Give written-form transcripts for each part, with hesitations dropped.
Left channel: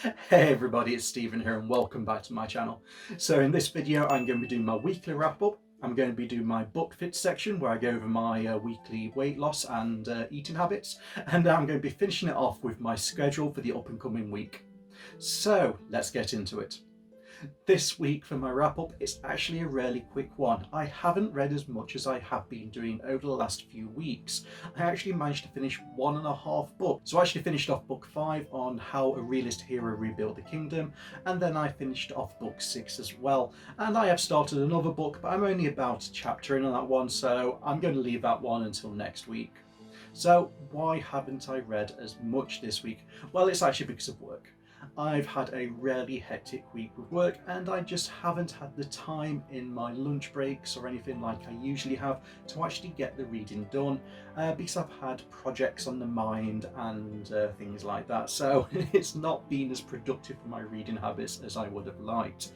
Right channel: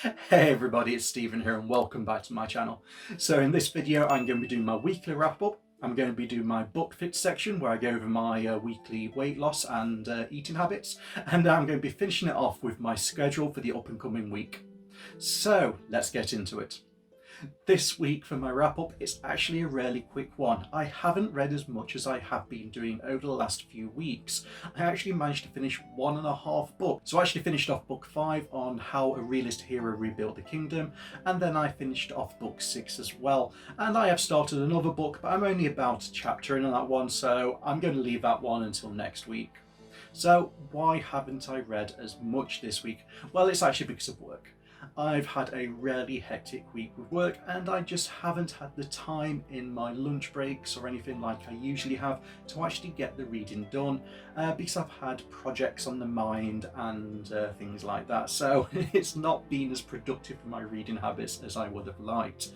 Hey everybody, it's Stephen here and welcome back to my channel. So in this video I'm going to be doing my weekly wrap-up. I'm going to be doing my book fit section where I go over my weekly weight loss and eating habits, and I'm going to be finishing it off with my schedule for the up and coming week. So let's get into it. This week for my wrap-up, it's actually a really quick one. I haven't read as much as I have been doing over the last few weeks. I actually managed to finish 1.5 books. So I actually finished off book 5 on how a realist hero rebuilt the kingdom, and then I finished off book 6 as well. And I have started another book, but I'm only about a chapter in on that one, so I'm going to leave that one until next week. So why haven't I read as much this week? Well, it's actually because of work. I've had a really hectic week with work and I just haven't had the time in my lunch breaks or anything like I usually have to actually get the reading done because I've had projects on the mind and things like that, so it's not been as productive for my reading habits as I would have liked.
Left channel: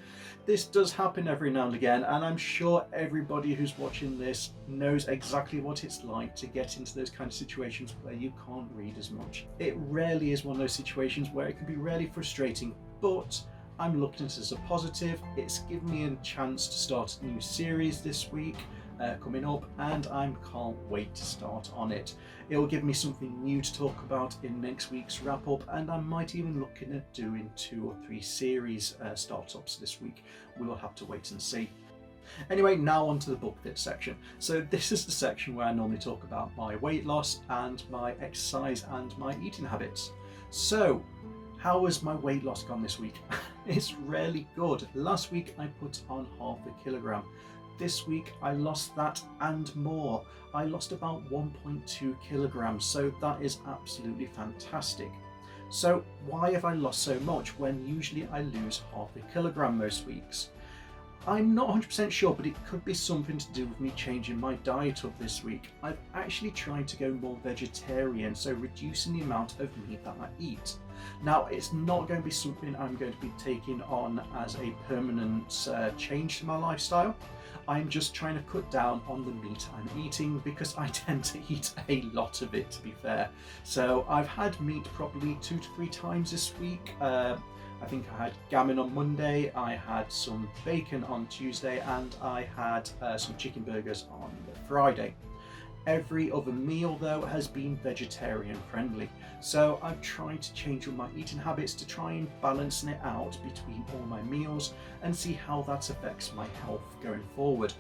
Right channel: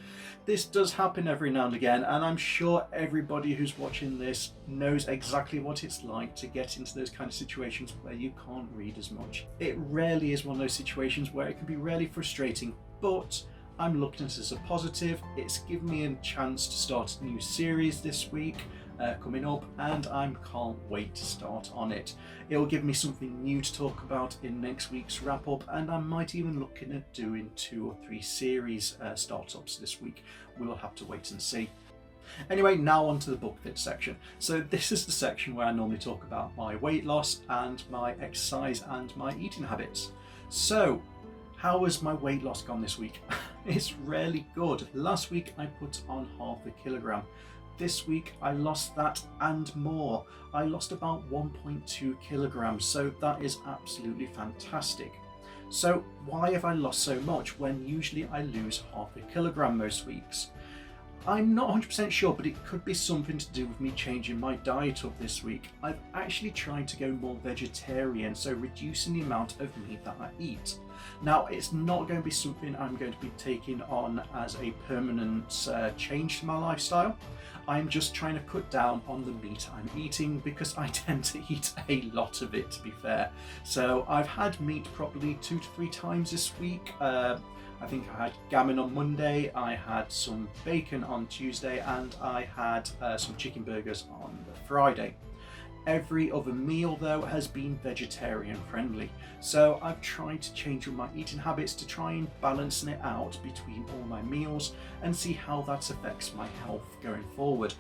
This does happen every now and again, and I'm sure everybody who's watching this knows exactly what it's like to get into those kind of situations where you can't read as much. It rarely is one of those situations where it can be really frustrating, but I'm looking at it as a positive. It's given me a chance to start a new series this week coming up, and I can't wait to start on it. It will give me something new to talk about in next week's wrap up, and I might even looking at doing 2 or 3 series startups this week. We'll have to wait and see. Anyway, now on to the book fit section. So this is the section where I normally talk about my weight loss and my exercise and my eating habits. So how has my weight loss gone this week? It's really good. Last week I put on 0.5 kilogram. This week I lost that and more. I lost about 1.2 kilograms, so that is absolutely fantastic. So why have I lost so much when usually I lose 0.5 kilogram most weeks? I'm not 100% sure, but it could be something to do with me changing my diet up this week. I've actually tried to go more vegetarian, so reducing the amount of meat that I eat. Now, it's not going to be something I'm going to be taking on as a permanent change to my lifestyle. I'm just trying to cut down on the meat I'm eating because I tend to eat a lot of it, to be fair. So I've had meat probably 2 to 3 times this week. I think I had gammon on Monday, I had some bacon on Tuesday, and I had some chicken burgers on the Friday. Every other meal though has been vegetarian friendly, so I've tried to change all my eating habits to try and balancing it out between all my meals and see how that affects my health going forward.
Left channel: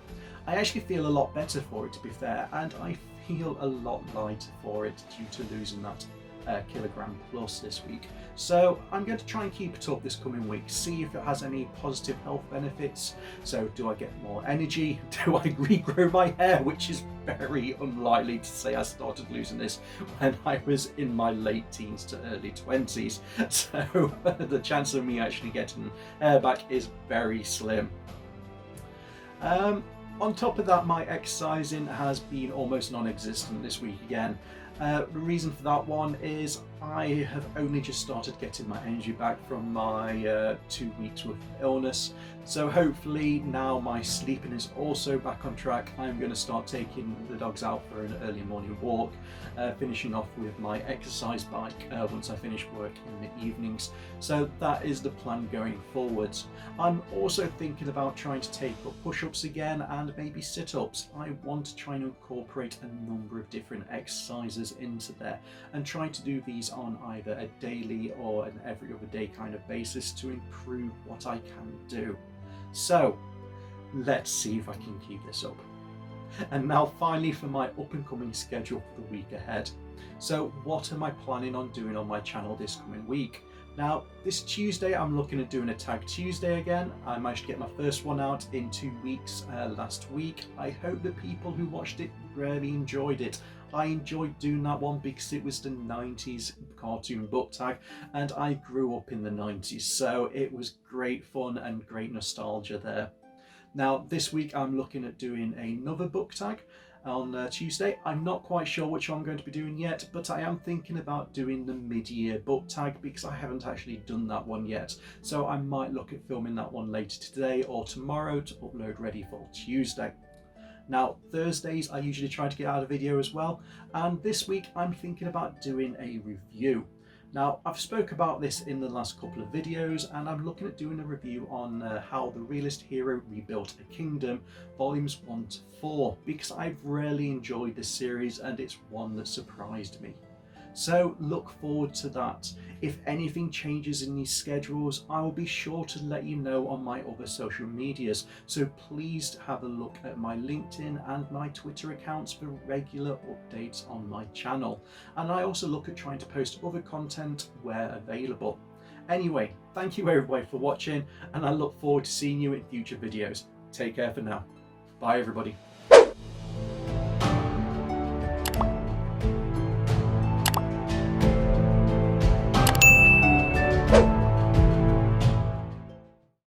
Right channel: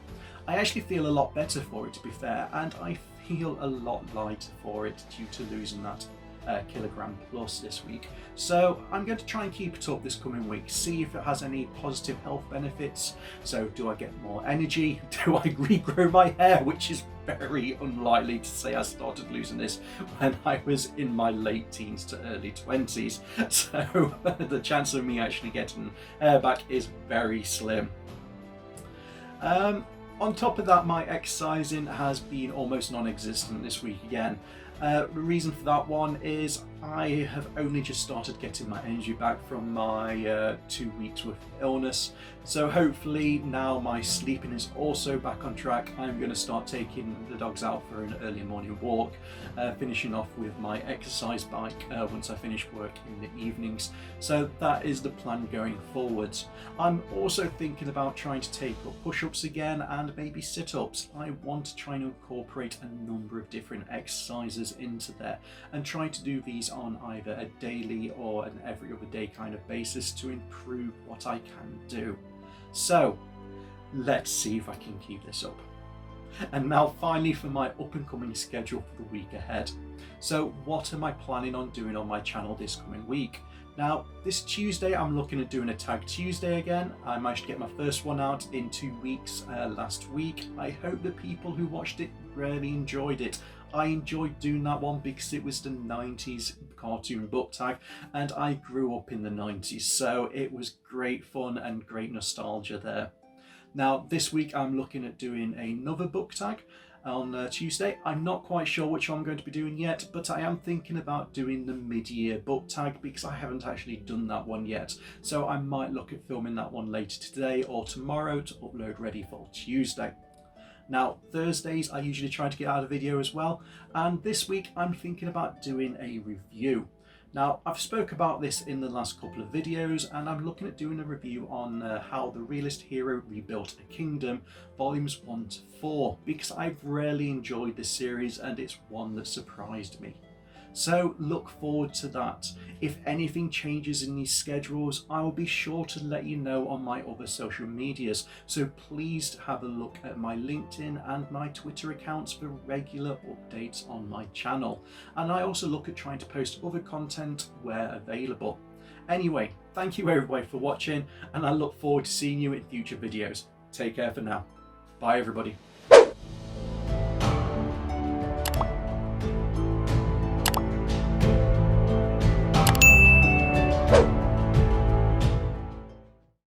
I actually feel a lot better for it, to be fair, and I feel a lot lighter for it due to losing that kilogram plus this week. So I'm going to try and keep it up this coming week, see if it has any positive health benefits. So do I get more energy? Do I regrow my hair? Which is very unlikely to say. I started losing this when I was in my late teens to early 20s. So the chance of me actually getting hair back is very slim. On top of that, my exercising has been almost non-existent this week again. The reason for that one is I have only just started getting my energy back from my 2 weeks worth of illness, so hopefully now my sleeping is also back on track. I'm going to start taking the dogs out for an early morning walk, finishing off with my exercise bike once I finish work in the evenings. So that is the plan going forwards. I'm also thinking about trying to take up push-ups again and maybe sit-ups. I want to try and incorporate a number of different exercises into there and try to do these on either a daily or an every other day kind of basis to improve what I can do. So let's see if I can keep this up. And now finally for my up and coming schedule for the week ahead. So what am I planning on doing on my channel this coming week? Now, this Tuesday I'm looking at doing a Tag Tuesday again. I managed to get my first one out in 2 weeks last week. I hope the people who watched it really enjoyed it. I enjoyed doing that one because it was the 90s cartoon book tag and I grew up in the 90s, so it was great fun and great nostalgia there. Now this week I'm looking at doing another book tag on Tuesday. I'm not quite sure which one I'm going to be doing yet, but I am thinking about doing the mid-year book tag because I haven't actually done that one yet. So I might look at filming that one later today or tomorrow to upload ready for Tuesday. Now, Thursdays I usually try to get out a video as well, and this week I'm thinking about doing a review. Now, I've spoke about this in the last couple of videos, and I'm looking at doing a review on how the realist hero rebuilt a kingdom, volumes 1 to 4, because I've really enjoyed this series and it's one that surprised me. So look forward to that. If anything changes in these schedules, I will be sure to let you know on my other social medias. So please have a look at my LinkedIn and my Twitter accounts for regular updates on my channel. And I also look at trying to post other content where available. Anyway, thank you everybody for watching, and I look forward to seeing you in future videos. Take care for now. Bye everybody.